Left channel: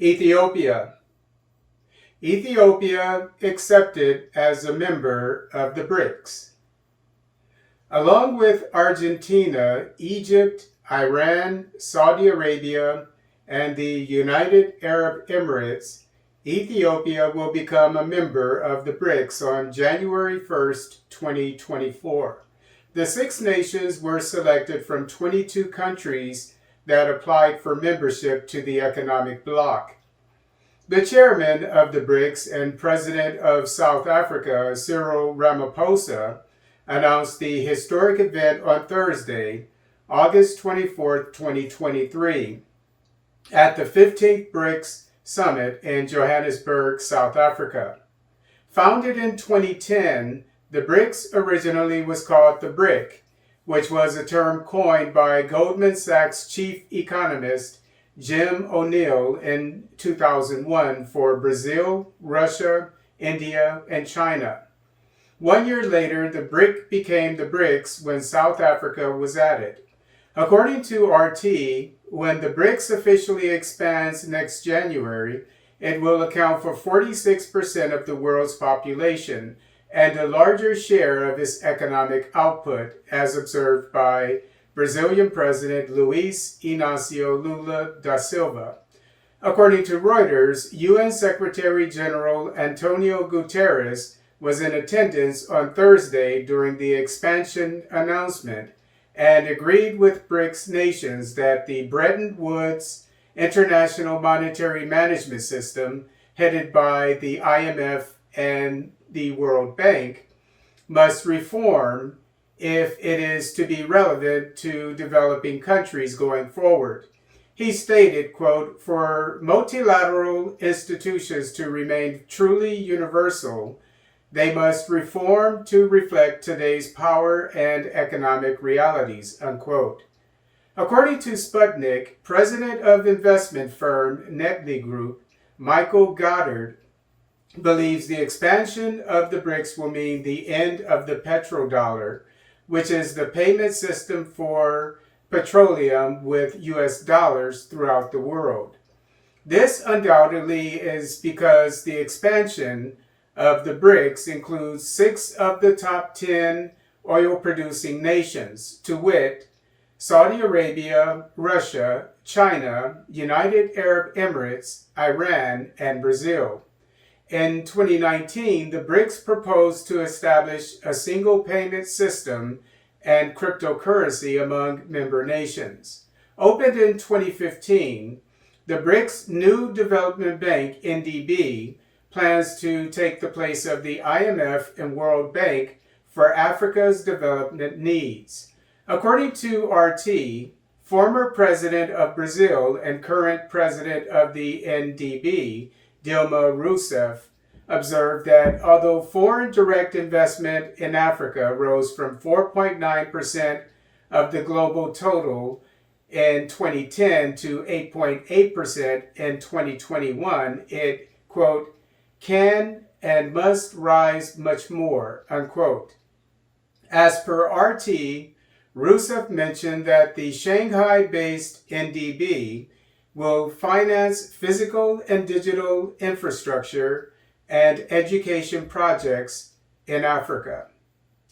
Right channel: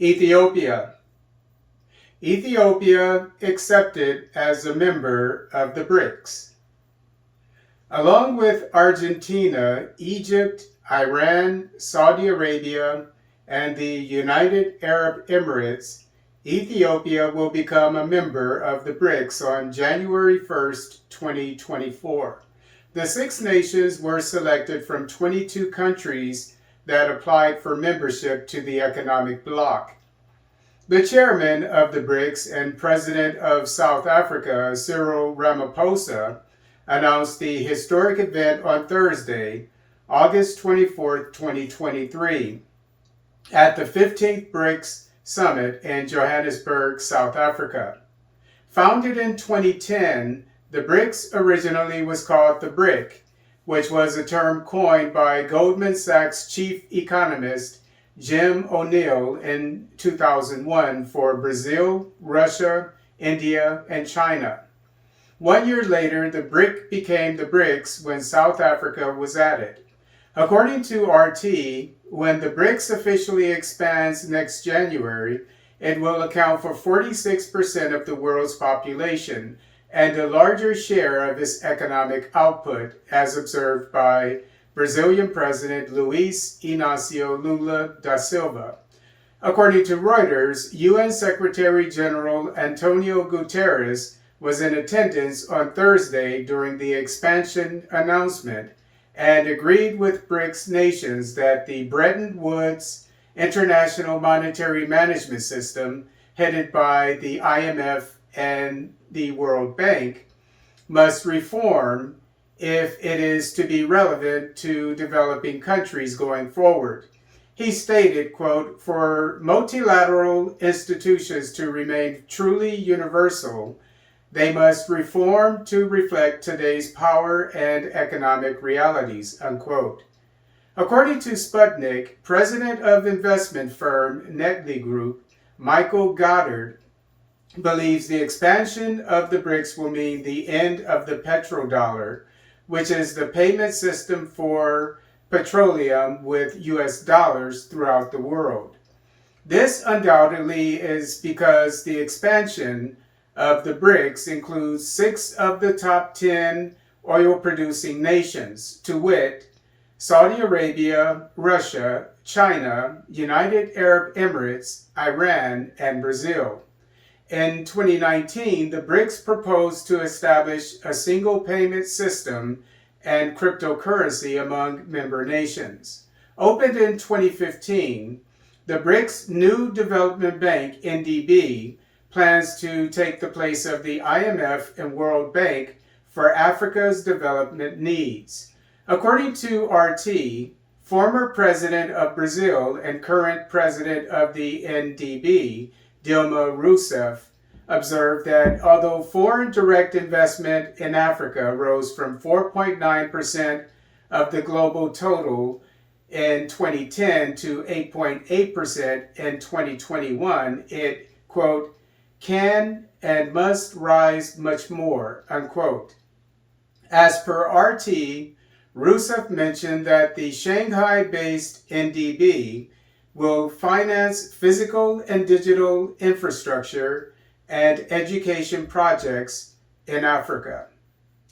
Ethiopia. Ethiopia accepted as a member of the BRICS. Along with Argentina, Egypt, Iran, Saudi Arabia, and the United Arab Emirates, Ethiopia will become a member of the BRICS on January 1st, 2024. The six nations were selected from 22 countries that applied for membership to the economic bloc. The chairman of the BRICS and president of South Africa, Cyril Ramaphosa, announced the historic event on Thursday, August 24, 2023, at the 15th BRICS Summit in Johannesburg, South Africa. Founded in 2010, the BRICS originally was called the BRIC, which was a term coined by Goldman Sachs chief economist Jim O'Neill in 2001 for Brazil, Russia, India, and China. 1 year later, the BRIC became the BRICS when South Africa was added. According to RT, when the BRICS officially expands next January, it will account for 46% of the world's population and a larger share of its economic output, as observed by Brazilian President Luiz Inácio Lula da Silva. According to Reuters, UN Secretary General Antonio Guterres was in attendance on Thursday during the expansion announcement and agreed with BRICS nations that the Bretton Woods International Monetary Management System, headed by the IMF and the World Bank, must reform if it is to be relevant to developing countries going forward. He stated, quote, "For multilateral institutions to remain truly universal, they must reform to reflect today's power and economic realities," unquote. According to Sputnik, president of investment firm Netley Group, Michael Goddard, believes the expansion of the BRICS will mean the end of the petrodollar, which is the payment system for petroleum with US dollars throughout the world. This undoubtedly is because the expansion of the BRICS includes 6 of the top 10 oil-producing nations, to wit, Saudi Arabia, Russia, China, United Arab Emirates, Iran, and Brazil. In 2019, the BRICS proposed to establish a single payment system and cryptocurrency among member nations. Opened in 2015, the BRICS New Development Bank, NDB, plans to take the place of the IMF and World Bank for Africa's development needs. According to RT, former president of Brazil and current president of the NDB, Dilma Rousseff, observed that although foreign direct investment in Africa rose from 4.9% of the global total in 2010 to 8.8% in 2021, it, quote, "can and must rise much more," unquote. As per RT, Rousseff mentioned that the Shanghai-based NDB will finance physical and digital infrastructure and education projects in Africa.